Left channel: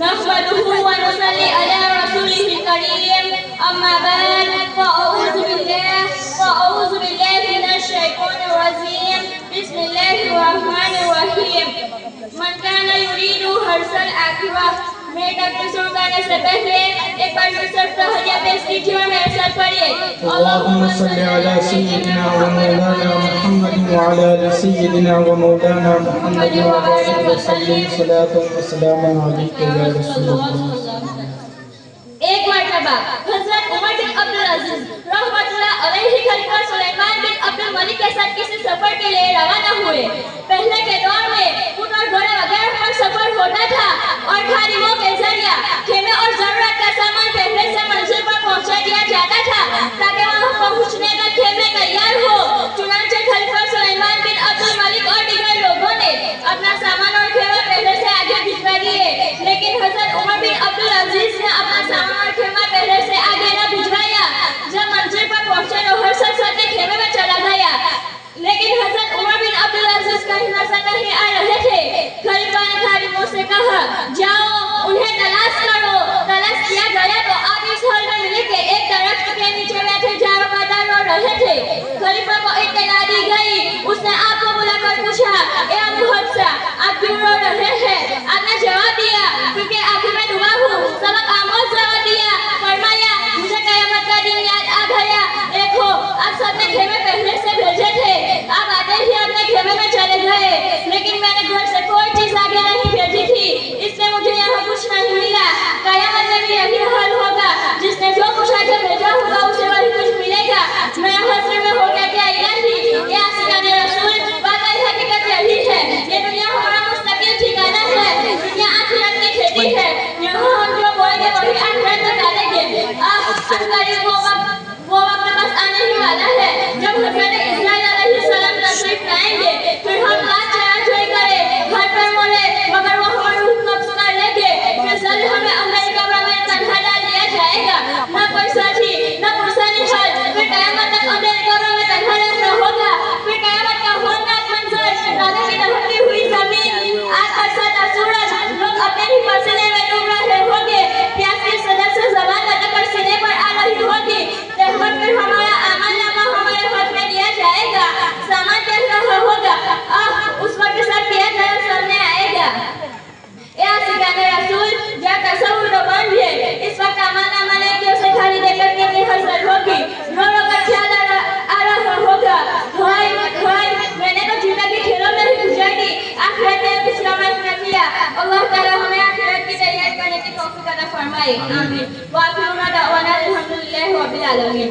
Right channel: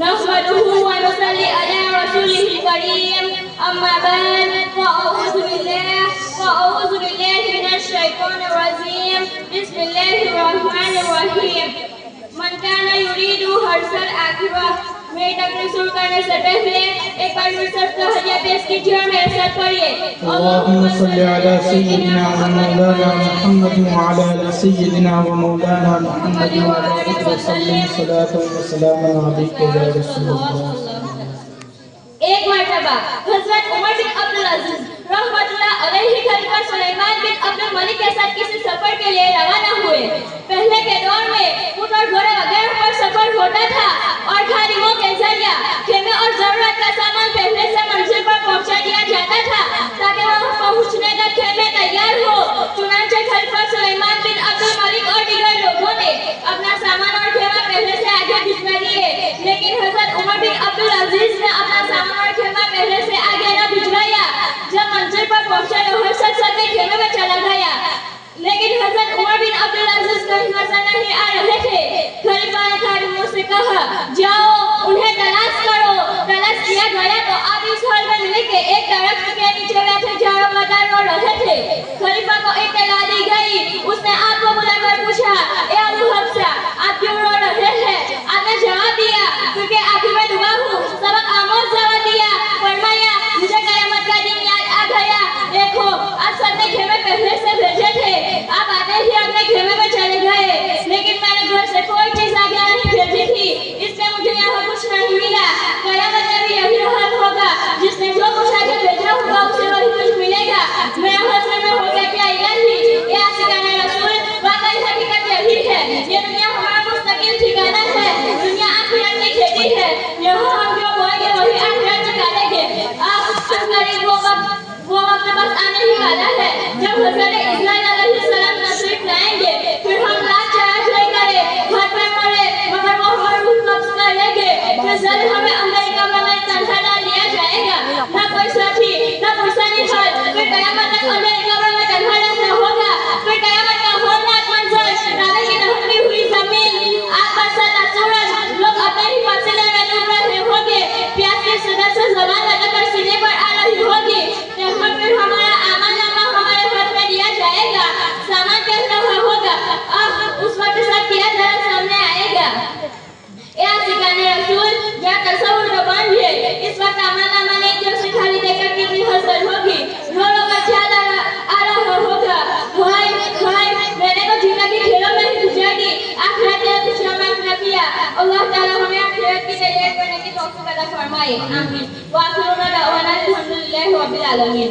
नहमदुहु व नुसल्ली अला रसूलिल करीम अम्मा बाद फ़अऊज़ु बिल्लाहि मिनश शैतानिर रजीम बिस्मिल्लाहिर रहमानिर रहीम मन काना युरीदु हर्सल आखिरह। मेरी तकरीर शुरू करने से पहले एक बार फिर से तहरिया पेश कीजिए और मेरे साथ पढ़िए। अल्लाहुम्मा सल्ली अला सय्यिदिना व मौलाना मुहम्मद व अला आलि सय्यिदिना व मौलाना मुहम्मद व बारिक व सल्लिम सलातन व सलामन अलैका या रसूलल्लाह। एक मर्तबा हज़रत उमर बिन अब्दुल अजीज रहमतुल्लाह अलैहि खलीफा सुलेमान बिन अब्दुल मलिक के साथ किसी सफर के लिए रवाना हुए। पहले के दौर में ऊंट और घोड़े वगैरह पर सफर होता था और खादिमों के जरिए खेमे और जरूरत का सामान पहले से मंजिल पर पहुंचा दिया जाता था ताकि वहां पहुंचने तक खेमे तैयार हो। चुनांचे खलीफा सुलेमान बिन अब्दुल मलिक और दीगर लोगों ने अपना सामान और खेमा पहले से आगे भिजवा दिए, लेकिन हज़रत उमर बिन अब्दुल अजीज ने अपना सामान और खेमा पहले से आगे न भिजवाया। जब मंजिल पर पहुंचे तो हर शख्स अपने खेमे में चला गया, लेकिन हज़रत उमर बिन अब्दुल अजीज कहीं नजर नहीं आ रहे थे। खलीफा ने खादिमों से कहा, जाओ उन्हें तलाश करो। तलाश किया गया तो आप इस हॉल में मिले के एक दरख्त के नीचे बैठे जारो कतार रो रहे थे। खलीफा को इत्तला दी गई। उसने आपको बुलाकर पूछा, ए अबू हफ्सा, आप क्यों रो रहे हैं? आपने जवाब दिया, क्योंकि आखिर में दुआ हूँ। सबक आमोज जवाब दिया, फरमाया, मुझे कयामत का दिन याद आ गया। देखो आप सबने खेमे पहले से भेजे थे, आप आते ही अपने खेमे में चले गए, लेकिन मैंने घर से कोई चीज आगे नहीं भेजी थी, इसलिए मुझे यहाँ कुछ नहीं मिला। कयामत में भी यही हाल होगा, जिसने जो कुछ आगे भेजा होगा उसे वही कुछ मिलेगा। मेरा हौसले में हो गया क्या इलाही, ये आशिकाने रसूल, वाकई हकीकत यही है। ये दुनिया हमारा मुस्तकिल ठिकाना है, दुनिया आखिरत की खेती है। यहाँ हम जो बोएंगे वही आखिरत में डालेंगे। अब अनकरीब वो वक्त बस आने ही वाला है जब हज़रत इस्माइल अलैहिस्सलाम तशरीफ लाएंगे। फिर हम लाख चढ़ाई करें, घर पर मरे, मगर वो हमारी रूह कब्ज कर लेंगे। फिर जल्द हमें अंदर कब्र में तन्हा डाल दिया जाएगा, न कोई साथी न पुरसानी हल। फिर कयामत तक अंदर कब्र में तन्हा रहना होगा। फिर कयामत का होलनाक मंजर, रात की दहकती हुई जमीन, आग का सदा सूरज, लोग अपने ही पसीने में डूब रहे होंगे, प्यास की सदर से ज़बान लटककर सीने पर आ रही होगी। फिर हमारा आमानामा हमारे हाथ में दिया जाएगा। सामान कह रहा होगा, उस वक्त सब किया गया सामने आएगा। ए आशिकाने रसूल, या तसव्वुर तो बांधिए। इस वक्त आमानामा नेकियों से खाली देखकर कितनी हसरत होगी। रो रो कर ख्याल आ रहा होगा, हाय हाय, मैंने तो जिंदगी खेलों में ही गुजार दी, आखिरत में कुछ रमज न किया। अल्लाह ताला हमें आखिरत की तैयारी करने की तौफीक अता फरमाए। आमीन। व आखिरु दावाना अल्हम्दुलिल्लाहि रब्बिल आलमीन।